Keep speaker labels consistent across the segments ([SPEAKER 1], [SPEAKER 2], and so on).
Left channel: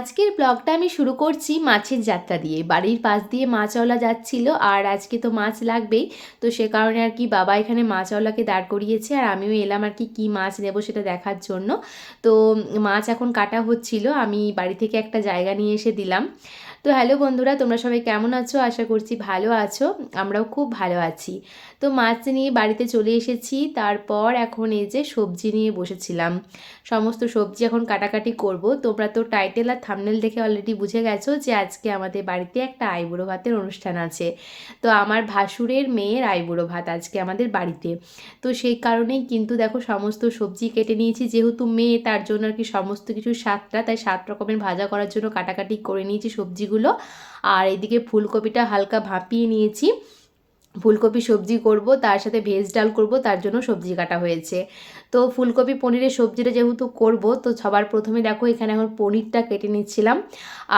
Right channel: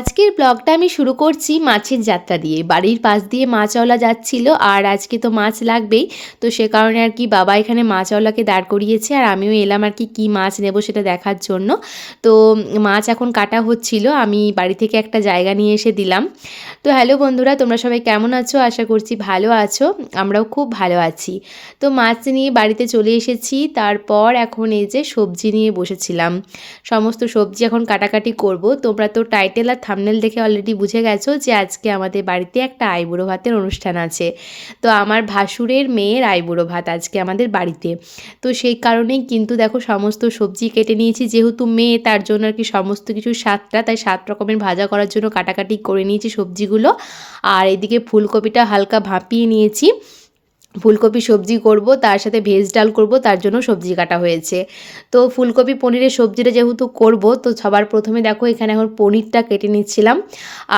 [SPEAKER 1] আজকের ব্লগটা আমি শুরু করছি মাছের যাত্রা দিয়ে। বাড়ির পাশ দিয়ে মাছওয়ালা যাচ্ছিল আর আজকে তো মাছ লাগবেই। তো সে কারণে আর কি বাবা এখানে মাছওয়ালাকে দাঁড় করিয়েছে আর আমিও এলাম আর কি কী মাছ নেব সেটা দেখার জন্য। তো মাছ এখন কাটা হচ্ছিল, আমি বাড়ি থেকে একটা জায়গা নিয়ে এসে দিলাম। তো হ্যালো বন্ধুরা, তোমরা সবাই কেমন আছো? আশা করছি ভালো আছো, আমরাও খুব ভালো আছি। তো মাছ নিয়ে বাড়িতে চলে এসেছি, তারপর এখন এই যে সবজি নিয়ে বসেছিলাম। সমস্ত সবজি এখন কাটাকাটি করব। তোমরা তো টাইটেল আর থামনেল দেখে অলরেডি বুঝে গেছো যে আজকে আমাদের বাড়িতে একটা আইবুড়ো ভাতের অনুষ্ঠান আছে। তো আমার ভাসুরের মেয়ের আইবুড়ো ভাত আজকে আমাদের বাড়িতে। তো সেই কারণেই কিন্তু দেখো সমস্ত সবজি কেটে নিয়েছি, যেহেতু মেয়ে তার জন্য আর কি সমস্ত কিছু সাতটা, তাই সাত রকমের ভাজা করার জন্য কাটাকাটি করে নিয়েছি সবজিগুলো। আর এদিকে ফুলকপিটা হালকা ভাপিয়ে নিয়েছি। ফুলকপি সবজি করব, তার সাথে ভেজ ডাল করব, তার জন্য সবজি কাটা হয়েছে। তো ফুলকপি পনিরের সবজিটা যেহেতু করব, তো সবার প্রথমে দেখো এখানে এখন পনিরটা কেটে নিচ্ছিলাম।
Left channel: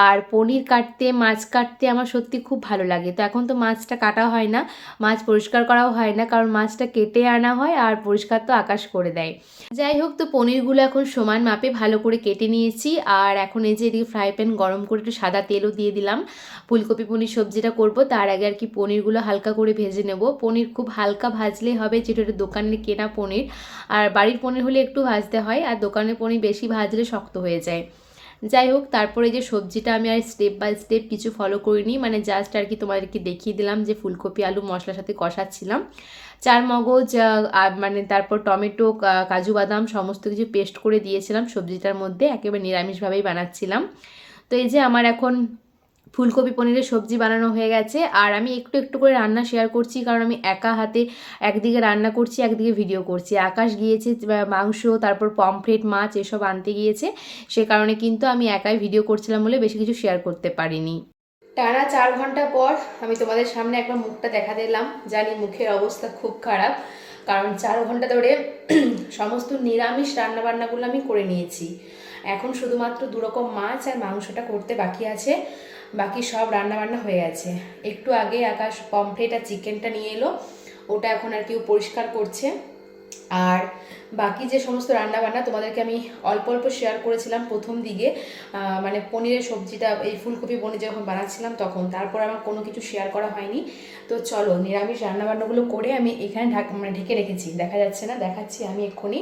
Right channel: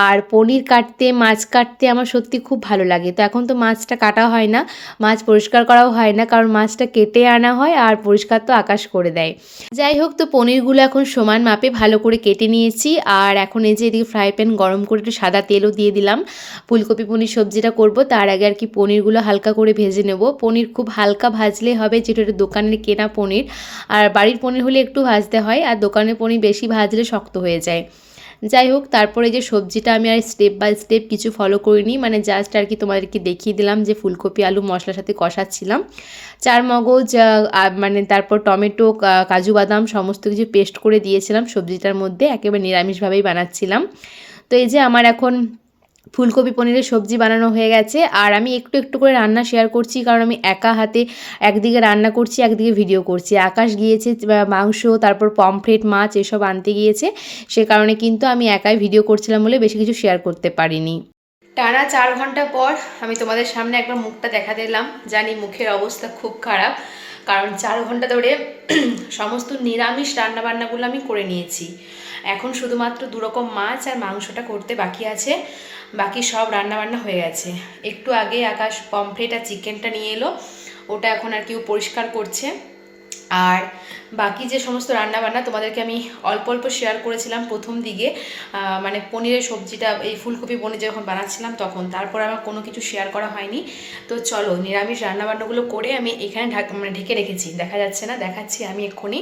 [SPEAKER 1] আর পনির কাটতে, মাছ কাটতে আমার সত্যি খুব ভালো লাগে। তো এখন তো মাছটা কাটা হয় না, মাছ পরিষ্কার করাও হয় না, কারণ মাছটা কেটে আনা হয় আর পরিষ্কার তো আকাশ করে দেয়। যাই হোক, তো পনিরগুলো এখন সমান মাপে ভালো করে কেটে নিয়েছি। আর এখন এই যে এদিকে ফ্রাই প্যান গরম করে একটু সাদা তেলও দিয়ে দিলাম। ফুলকপি পনির সবজিটা করব, তার আগে আর কি পনিরগুলো হালকা করে ভেজে নেব। পনির খুব হালকা ভাজলে হবে যেটা দোকানের কেনা পনির। আর বাড়ির পনির হলে একটু ভাজতে হয়, আর দোকানের পনির বেশি ভাজলে শক্ত হয়ে যায়। যাই হোক, তারপরে যে সবজিটা আমি আর স্টেপ বাই স্টেপ কিছু ফলো করিনি মানে জাস্ট আর কি তোমাদেরকে দেখিয়ে দিলাম যে ফুলকপি, আলু, মশলার সাথে কষাচ্ছিলাম। চার মগজ মানে তারপর টমেটো কাজু বাদাম সমস্ত কিছু পেস্ট করে দিয়েছিলাম সবজিটার মধ্যে, একেবারে নিরামিষভাবেই বানাচ্ছিলাম। তো এই যে আমার এখন ফুলকপি পনিরের সবজি বানানো হয়ে গেছে। আর আমি একটু একটু করে রান্না শেয়ার করছি, কারণ আমি একা হাতে একদিকে রান্না করছি, একদিকে ভিডিও করছি। আকাশ গিয়েছে মাংস, তারপর পমফ্রেট মাছ এসব আনতে গিয়েছে। সে কারণে কিন্তু আমি একাই ভিডিও করছিলাম বলে বেশি কিছু শেয়ার করতে পারিনি। টানা চার ঘণ্টা পর আমি তোমাদের সামনে একবার মুখটা দেখা দিলাম। জানি মুখের অবস্থা খুব খারাপ, কারণ চার ঘণ্টা ধরে সমস্ত নিরামিষ রান্নাবান্নাগুলো আমি করে নিয়েছি। এখন শুধুমাত্র দুরকম মাছ আর মাংসটা করতে বাকি আছে। বাকি সব রান্নাবান্না হয়ে গেছে। একটু আগে আকাশ পমফ্রেট আর চিকেনটা নিয়ে এলো। ওটা এখন আর কেউ পরিষ্কার করছে। আর বাকি যে সমস্ত রান্নাবান্না, তোমাদেরকে আমি অল্প অল্প শেয়ার করেছিলাম প্রথম দিকে। মানে পনিরের সবজিটা, এই ফুলকপি পনির যখন বানাচ্ছিলাম তখন, তারপর আমার কোনো কিছু শেয়ার করা হয়নি। তো চলো, নিরামিষ রান্নাবান্নাগুলো করে আমি এখানে ঢাক মানে ঢেকে রেখেছি। দেখা যাচ্ছে না, দেখাচ্ছি আমি এক্ষুনি।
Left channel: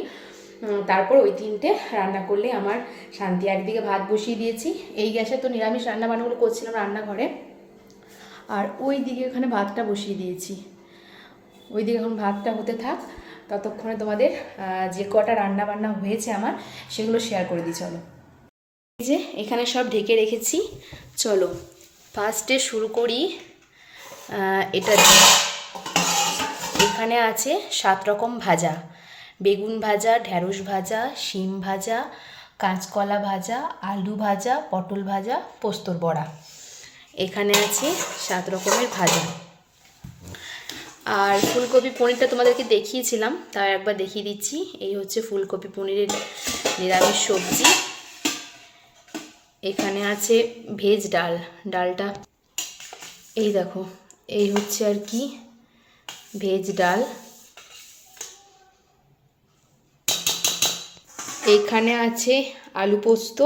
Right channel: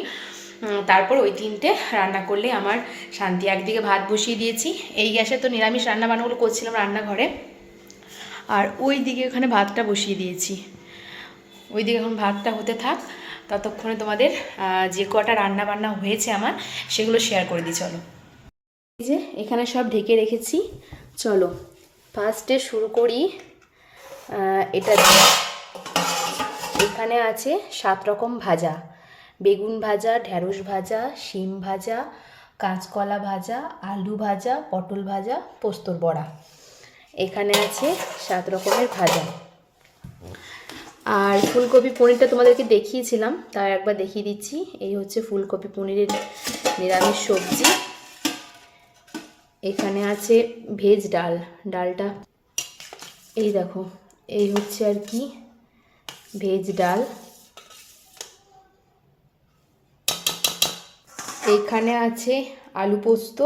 [SPEAKER 1] তারপর ওই তিনটে রান্না করলে আমার শান্তি। একদিকে ভাত বসিয়ে দিয়েছি, এই গ্যাসে তো নিরামিষ রান্নাবান্নাগুলো করছিলাম রান্নাঘরে। আর ওই দিকে ওখানে ভাতটা বসিয়ে দিয়েছি। ওই দিকে এখন ভাতটা হতে থাক, ততক্ষণে তোমাদের যে কটা রান্না বান্না হয়েছে আমার, সেগুলো শেয়ার করে দিই, চলো। এই যে এখানে সব ঢেকে রেখেছি, চলো। ফার্স্টে শুরু করি এটা। এখানে আছে সাত রকম ভাজা। বেগুন ভাজা ঢ্যাঁড়স ভাজা, শিম ভাজা, কাঁচকলা ভাজা, আলু ভাজা, পটল ভাজা, পোস্তর বড়া। এখানে আছে সাত রকমের ভাজা। আর ফুলকপি পনিরটা তোমাদেরকে দেখিয়েছিলাম তাও একবার দেখিয়ে দিচ্ছি। এই হচ্ছে ফুলকপি পনিরের নিরামিষ সবজি। এখানে আছে ভেজ ডাল, ডালটা। এই দেখো, এই হচ্ছে আর কি ভেজ ডাল। এখানে আছে আলু পোস্ত।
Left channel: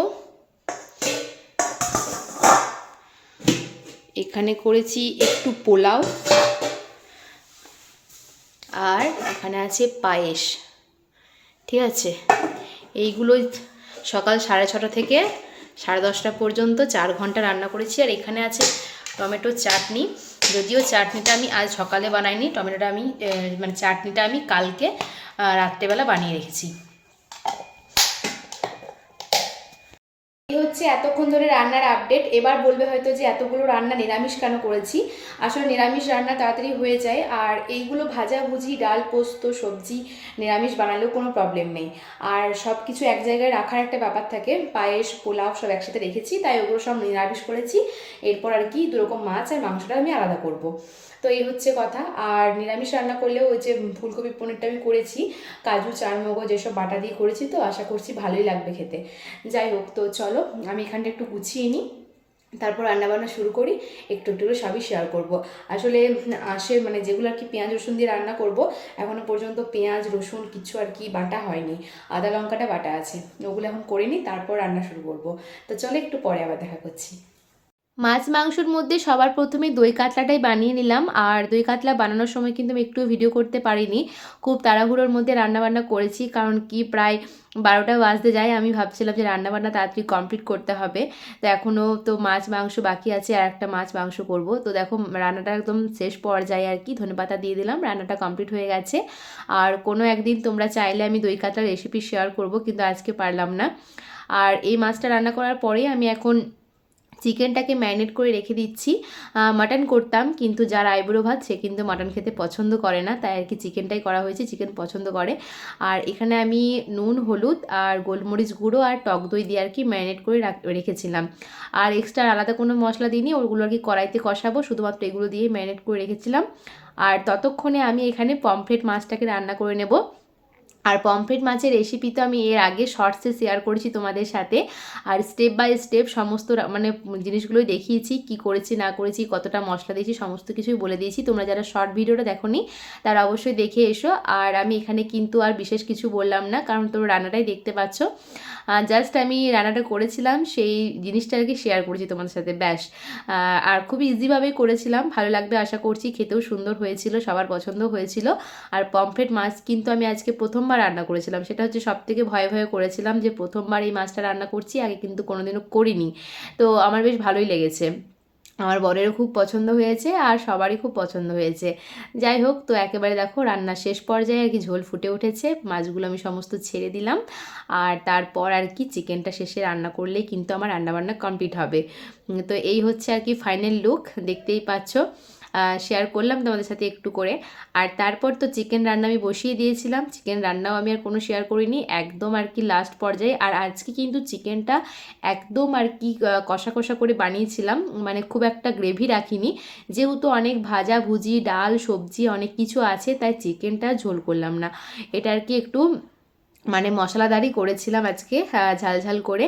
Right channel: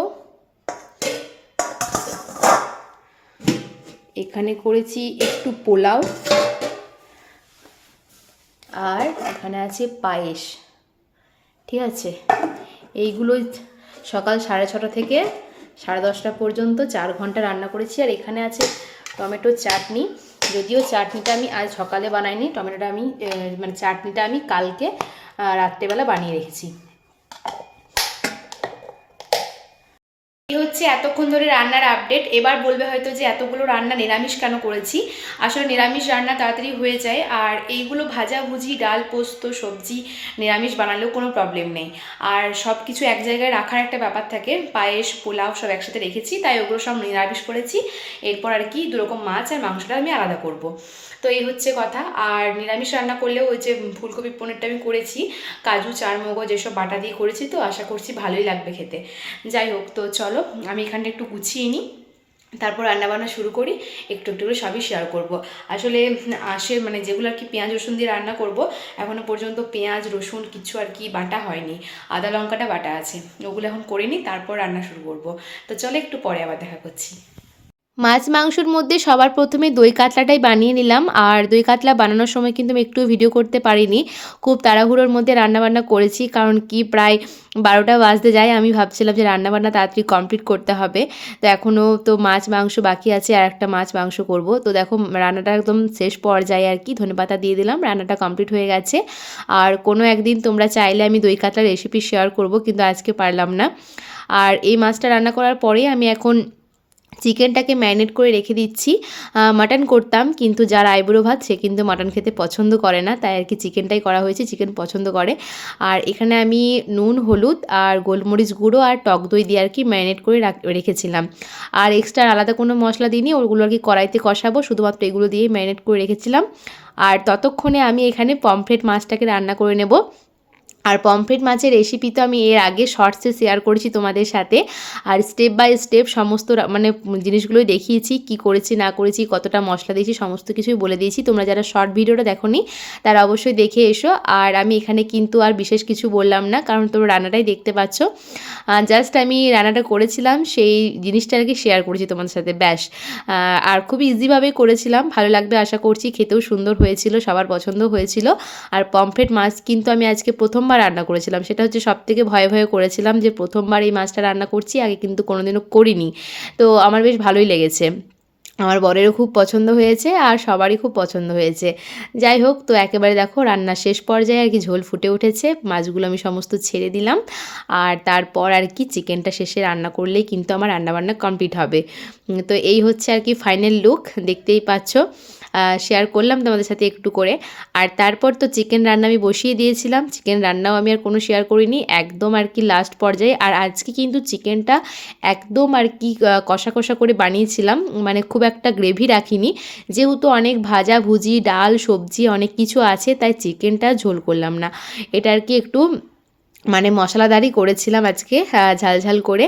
[SPEAKER 1] এখানে করেছি একটু পোলাও। আর এখানে আছে পায়েস। ঠিক আছে? এইগুলোই সকাল সাড়ে ছটা থেকে সাড়ে দশটা পর্যন্ত চার ঘণ্টা রান্না করেছি। আর এখানে আছে টমেটো চাটনি। যদিও চাটনিটা আমি আজ সকালে বানাইনি, টমেটোটা আমি মানে চাটনিটা আমি কালকে রাত্রেবেলা বানিয়ে রেখেছি। হচ্ছে এতক্ষণ ধরে রান্নার আপডেট এবার বলবে হয়তো যে এতগুলো রান্না নিরামিষ কেন করেছি? আসলে নিরামিষ রান্না তাড়াতাড়ি হয়ে যায় আর এইগুলো ভাজাভুজি ডাল, পোস্ত, সবজি নিরামিষ বানালেও কোনো প্রবলেম নেই। আর সব কিছু এক জায়গায় রাখার একটা ব্যাপার থাকে, পায়েস, পোলাও সব একসাথে রেখেছি, তাই ওগুলো সব নিরামিষ করেছি। এরপর আর কি দুরকম মাছ আর মাংসটা আমি আলাদা করব। তো এই হচ্ছে কথা। আর নিরামিষ রান্না করলেও ওই যে ফুলকপি পনিরটা আমি করেছি, কাজু, চারমগজ এসব বাটা দিয়ে করেছি তো, আশা করছি ভালোই লাগবে খেতে। যাই হোক, তো চলো আমি এখানটা একটু গুছিয়ে নিই, তারপর রান্নাবান্না শুরু করি, একটু একটু করে সবই শেয়ার করব। আসলে আসে মানে যেগুলো আর কি পেঁয়াজ, রসুন দিয়ে রান্না করব এখনও পর্যন্ত পেঁয়াজ, রসুন কিছু আর কি বাটা হয়নি, আদা, লঙ্কাটা বাটা আছে, ওগুলো এখন করে নিই, তারপর রান্না শুরু করব। তো চলো একটু পরে আবার দেখা করছি। মাছ মাংসর মধ্যে সবার প্রথমে দই কাতলাটাই বানিয়ে নিলাম। আর দই কাতলা বানানোর সময় কিন্তু আমি একটু ভিডিও করতে পারিনি। খুব তাড়াহুড়োর মধ্যে রান্নাবান্না করেছি, কারণ কি প্রায় বারোটা বাজতে যায়। আমি ভাবছিলাম যে রান্নাবান্না তাড়াতাড়ি কমপ্লিট করতে হবে। তো এখনও তো মাছ মাংস বাকি আছে, আর একটা মাছ মাংস করব। তো দেখো, রান্নাটা একদম শেষ পর্যায়ে আর কি। ধনেপাতা দিয়ে দিলাম, রান্নাটা কমপ্লিট হয়ে গেছে। আর কোনো একদিন তোমরা চাইলে আমি দই কাতলার রেসিপি শেয়ার করব, কিন্তু আজকে পারলাম না। আর এই মাছটা রান্না করার পরেই আমি এখন চিকেনটাকে ম্যারিনেট করে রেখে দিচ্ছি। মাটন করতাম, কিন্তু যার আইবুড়ো ভাত, সে কিন্তু মাটন খেতে পছন্দ করে না। তাই আর কি চিকেনটাই করা হয়েছে, চিকেন পছন্দ করে। আর এখানে আমি নুন, হলুদ আর গোলমরিচ গুঁড়ো আর টক দই দিয়ে আর কি ম্যারিনেট করে রাখ- রেখেছিলাম। আর এক্সট্রা আলাদা কোনো মশলা দিইনি, ওগুলো আর কি কড়াইতে কষাবো, শুধুমাত্র এগুলো দিয়ে ম্যারিনেট করে রেখেছিলাম। আর ততক্ষণে আমি এখানে পমফ্রেট মাছটাকে রান্না করে নেব। আর পমফ্রেট মাছের রেসিপি তো আমি এর আগে শর্টসে শেয়ার করেছি তোমাদের সাথে। আর স্টেপ বাই স্টেপ সমস্ত মানে জিনিসগুলোই দেখিয়েছি, কি করেছি, না করেছি, কতটা মশলা দিয়েছি, সমস্ত কিছুই বলে দিয়েছি। তোমরা যারা শর্ট ভিডিওটা দেখো নি তারা অবশ্যই দেখে এসো। আর আমি এখানে কিন্তু আর বিশেষ কিছু বললাম না, কারণ তোমরা রান্নাটাই দেখতে পাচ্ছ। জাস্ট আমি রান্নাটা করেছিলাম, সেই জিনিসটা আর কি শেয়ার করেছি তোমাদের সাথে, ব্যাস। আর খুব ইজিভাবে করেছিলাম, ভালো লাগবে আশা করছি, খেতেও সুন্দর হয়েছিল, সবার পছন্দ হয়েছিল। আর পমফ্রেট মাছ কিন্তু আমি আজকে প্রথমবার রান্না করেছিলাম। সেটা হচ্ছে সব থেকে ভয়ে ভয়ে করেছিলাম যে প্রথমবার এই মাছটা রান্না করছি, আগে কিন্তু কোনোদিনও করিনি। তো আমার বেশ ভালোই লেগেছে। আমার বরেরও খুব পছন্দ হয়েছে আর সবারই খুব পছন্দ হয়েছে। যাই হোক, তো একেবারে দেখো রান্না শেষ পর্যায়ে আর কি ঝোল ফুটে উঠেছে। মাছগুলো আমি সমস্ত ছেড়ে দিলাম আর তারপর আর কি চিকেনটা শেষে রান্না করলেই কিন্তু আমার রান্নাবান্না কমপ্লিট হবে। তো এই হচ্ছে আর কি ফাইনাল লুক, দেখতেই পাচ্ছ। শেয়ার করলাম তোমাদের সাথে একটু করে। আর তারপর তো চিকেন রান্না আমি বসিয়ে দিয়েছিলাম। চিকেন রান্নাও আমি আর কোনো শেয়ার করিনি। একদম আর কি লাস্ট পর্যায়ে। আর আজকে কিন্তু চিকেনটা একদম আর কি কষা কষা করে বানিয়েছিলাম। মানে খুব একটা গ্রেভি রাখিনি। যেহেতু অনেক ভাজা ভুজি, ডাল, সবজি অনেক কিছু আছে, তাই চিকেনটা ঝোল করলাম না। এটা আর কি একটু মানে মশলাদারই করেছিলাম আজকে ঝাল ঝাল করে।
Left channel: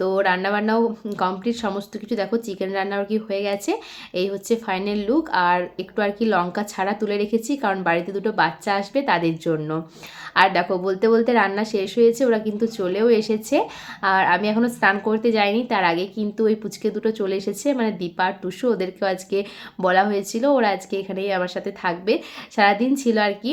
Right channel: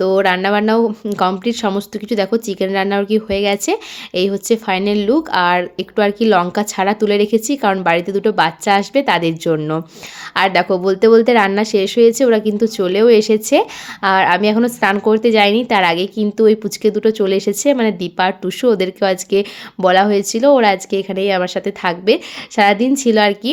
[SPEAKER 1] তো রান্নাবান্নাও কমপ্লিট সমস্ত কিছু দেখো চিকেন রান্নাও কি হয়ে গেছে। এই হচ্ছে ফাইনাল লুক আর একটু আর কি লঙ্কা ছাড়া তুলে রেখেছি, কারণ বাড়িতে দুটো বাচ্চা আসবে তাদের জন্য। আর দেখো, বলতে বলতে রান্না শেষ হয়েছে, ওরা কিন্তু চলেও এসেছে। আর আমি এখনও স্নান করতে যাইনি, তার আগে কিন্তু ওই পুচকে দুটো চলে এসেছে মানে দীপা আর টুসু, ওদেরকেও আজকে বলা হয়েছিল, ওরা আজকে এখানেই আমার সাথে থাকবে। সারাদিন ছিল আর কি।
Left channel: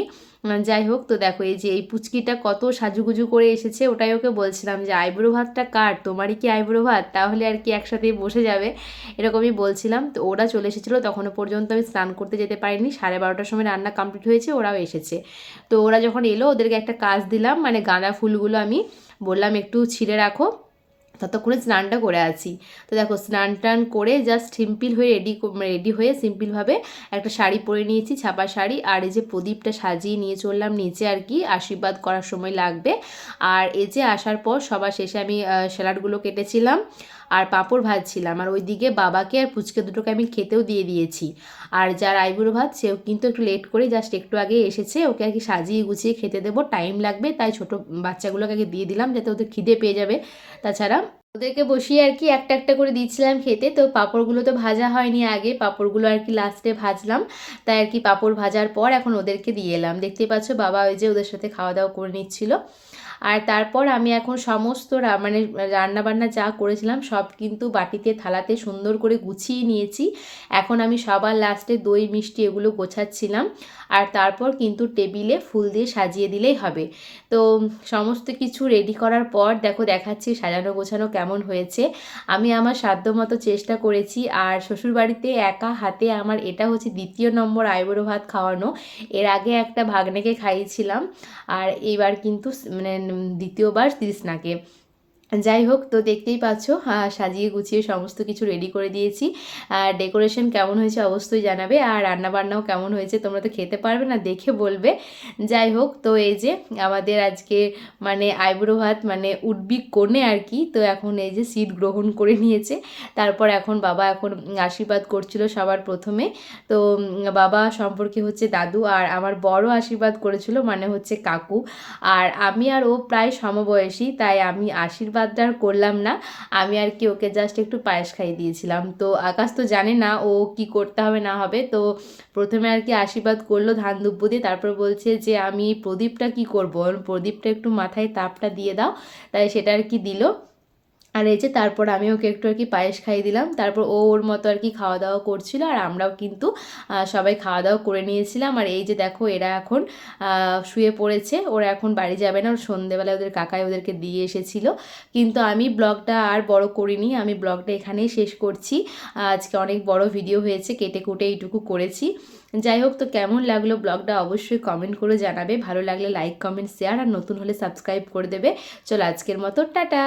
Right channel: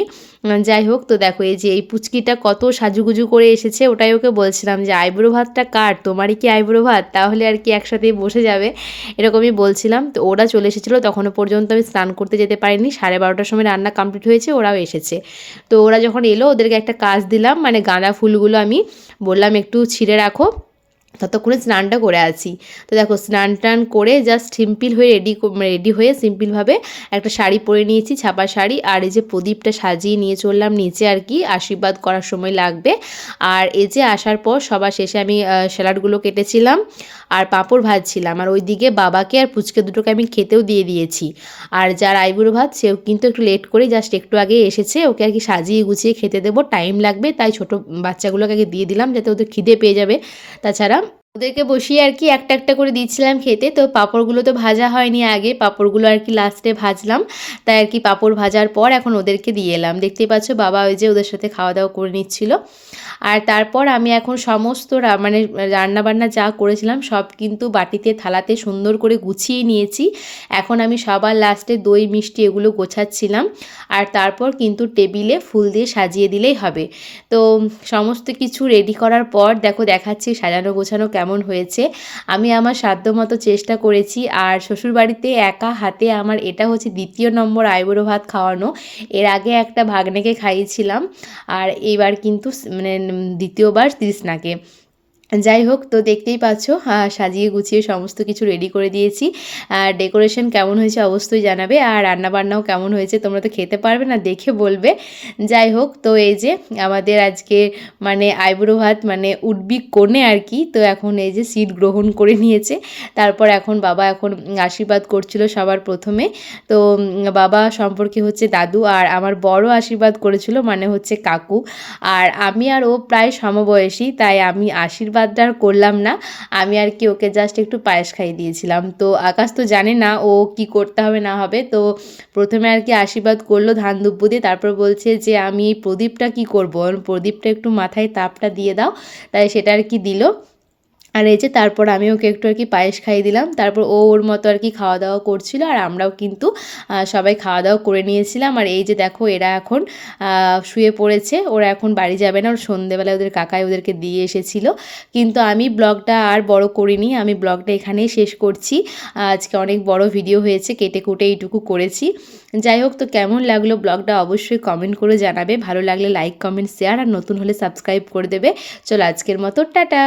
[SPEAKER 1] যাই হোক, তো দেখো, এই যে এই পুচকিটা কত সাজুগুজু করে এসেছে, ওটাই ওকে বলছিলাম যে আইব্রো ভাতটা কার? তোমারই কি আইব্রো ভাত? তাহলে আর কি একসাথেই বসে যাবে। এরকমই বলছিলাম। তো ওরা চলে এসেছিল, তখনও পর্যন্ত আমি স্নান করতে যেতে পারিনি। সাড়ে বারোটার সময় রান্না কমপ্লিট হয়েছে, ওরাও এসেছে। তো ওরা যখন এলো, ওদেরকে একটা কাজ দিলাম মানে গাঁদা ফুলগুলো আমি বললাম একটু ছিঁড়ে রাখো। ততক্ষণে স্নানটা করে আছি তো দেখো, স্নান টান করে জাস্ট সিম্পল হয়ে রেডি রেডি হয়ে সিম্পলভাবে একটা শাড়ি পরে নিয়েছি, ছাপা শাড়ি। আর এই যে প্রদীপটা সাজিয়ে নিয়ে চললাম নিচে আর কি, আশীর্বাদ করার সময় লাগবে। আর এই যে আসার পর সবার শেষে আমি স্যালাডগুলো কেটেছিলাম। আর পাঁপড় ভাজছিলাম। আর ওইদিকে বাবাকে আর পুচকে দুটোকে আমি খেতেও দিয়ে দিয়েছি। আর যার আইবুড়ো ভাত, সেও কিন্তু একটু লেট করে জাস্ট একটু আগে এসেছে। ওকে আর কি সাজিয়ে গুছিয়ে খেতে দেবো টাইম লাগবে। তাই ছোটো বাচ্চাগুলোকে আগে দিয়ে দিলাম, যাতে ওদের খিদে পেয়ে যাবে। তাছাড়া ওদেরকে বসিয়ে আর কি একটা একটা করে দিচ্ছিলাম খেতে। তো পাঁপড়গুলো তো ভাজা হয়নি আগে, পাঁপড়গুলো আর কি লাস্টে ভাজলাম। তাই আর কি পাঁপড় ভাজার পর এখন ওদেরকে দিয়ে এলাম। দেখতেই পাচ্ছ বাবা ওই যে ওদের সাথে খাওয়া দাওয়া করে নিচ্ছিল। আর তারপর আমি এখন সমস্ত মানে রান্নাবান্না যা করেছিলাম সব কিন্তু বাটিতে, থালাতে সুন্দর করে গুছিয়ে নিয়েছি। এখন আমি সবার লাস্টে দই, মিষ্টি এগুলো গোছাচ্ছিলাম। আর তারপর কিন্তু টেবিলে ফুল দিয়ে সাজিয়ে দিলেই হবে। তো সমস্ত কিছু রেডি করার পর দেখো দেখাচ্ছি সাজানো গোছানো কেমন হয়েছে। আমি আমার সাধ্যমতো চেষ্টা করেছি আর শ্বশুরবাড়িতে একা হাতে আমার এটা হচ্ছে দ্বিতীয় নম্বর আইবুড়ো ভাত খাওয়ানো। এর আগে একটা ভাগ্নেকে খাইয়েছিলাম আর এইবার কিন্তু মানে দ্বিতীয়বার তৃষ্ণাকে। যাই হোক, তো দেখতেই পাচ্ছ সাজিয়ে গুছিয়ে সমস্ত কিছু রেডি করে দিয়েছি। আর ডেকোরেশন কেমন হয়েছে অবশ্যই জানাবে, আর রান্নাবান্নাও কেমন হয়েছে তোমরা তো খেতে পারবে না, দেখে বলবে। যাই হোক, তো এই যে আমাদের আজকে মানে আইবুড়ো ভাত মানে উডবি কোণে আর কি, তো এখন এই যে সিট গ্রহণ করে নিয়েছে। তারপর এখন বাবা এখন আশীর্বাদ করছিল সবার প্রথমে। তো বাবা সম্পর্কে হচ্ছে দাদু আর আমার বড় আশীর্বাদ করেছিল মানে হচ্ছে কাকু। আর আমি আর ও প্রায় সমবয়সী, তাই আমি আশীর্বাদটা আর করলাম না। আমি আর কি ওকে জাস্ট একটু পায়েস খাইয়ে দিয়েছিলাম। তো আকাশ তো জানে না ও কি করতে হবে না হবে। তো প্রথমে আর কি আশীর্বাদ করল ধান দুব্বু দিয়ে। তারপর বলছে যে, আমি প্রদীপটা কি করব? প্রদীপটা একটু মাথায় তাপটা দিয়ে দাও। তাই সেটা আর কি দিল। আর এই যে তারপর আমি ওকে একটু আর কি পায়েস খাইয়ে দিলাম। তারপর ও ওর মতো আর কি খাওয়া দাওয়া করছিল আর আমরাও কিন্তু সবাই খাওয়া দাওয়া করে নিয়েছিলাম। আর এই যে দেখো এরা এখন শুয়ে পড়েছে। ওরা এখন বাড়ি যাবে না। ওর সন্ধেবেলায় ওদের কাকাই ওদেরকে দিয়ে এসেছিল। কিন্তু আমি ব্লগটা আর বড় করিনি। আমি ব্লগটা এখানেই শেষ করছি। আজকে অনেক বড় ভিডিও হয়েছে। কেটে কুটে এইটুকু করেছি। যাই হোক, তো কেমন লাগল ব্লগটা অবশ্যই কমেন্ট করে জানাবে। ভালো লাগলে লাইক, কমেন্ট, শেয়ার আর নতুন হলে সাবস্ক্রাইব করে দেবে। চলো আজকের মতো, টাটা!